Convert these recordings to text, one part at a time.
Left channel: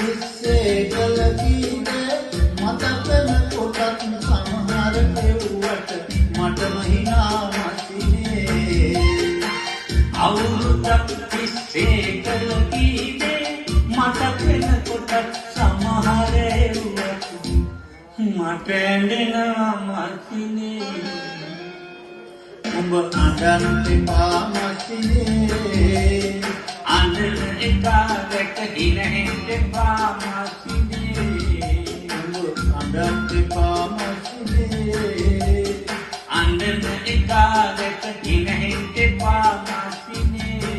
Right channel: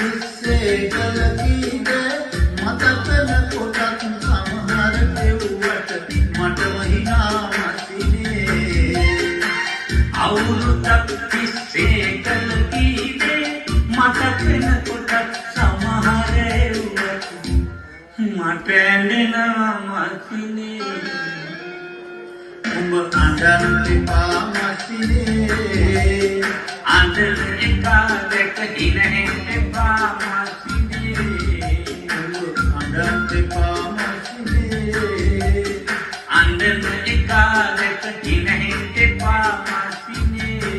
ඉස්සේ කලකීද මතකන කොටත් සමහර කෙව්වට මටම හිනා මැසිනේ අවුරුද්දක් තිස්සේ කලකීද මතකන කොටත් සමහර එව්වට මට ඇඬෙනවා මැසිනේ උඹ අඬන්න එපා මැසිනේ අඬන එකාලෙක හිරෙන්න එපා මැසිනේ උඹ අඬන්න එපා මැසිනේ අඬන එකාලෙක හිරෙන්න එපා මැසිනේ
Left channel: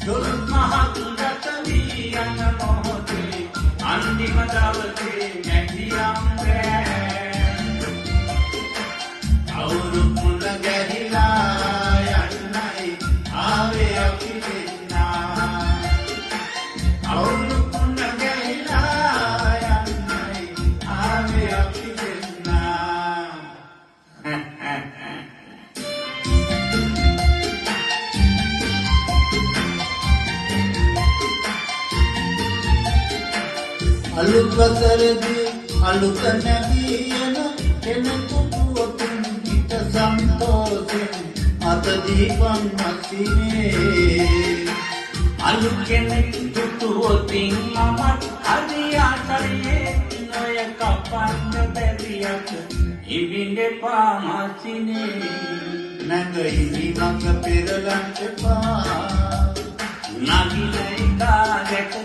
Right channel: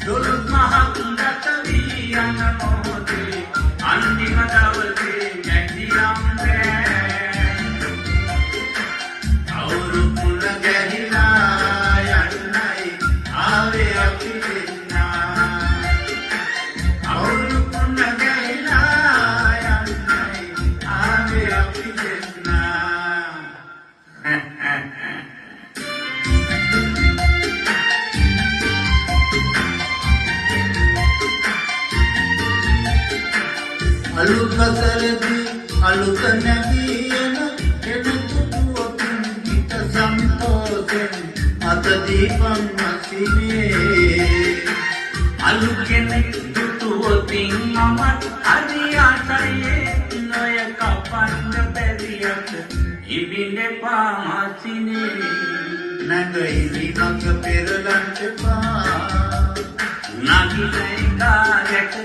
දොර මහතුන්ට වියන මොහොතේ අන්තිම දවසේ නැතිනම් අලුත් වසරේදී අලුත් නැගියන එනතුතුවකින් හිත සන්තෝෂෙන් අත දීපන් මැසිනේ අලුත් කෙනෙක් දුටුවොතින් මමත් අරියාටයේ නොය කපන්න බැරියට ඉබින්දපා මැසිනේ නැගිලි මඟ පෙරලන්න එපා නගිලේ කාලෙක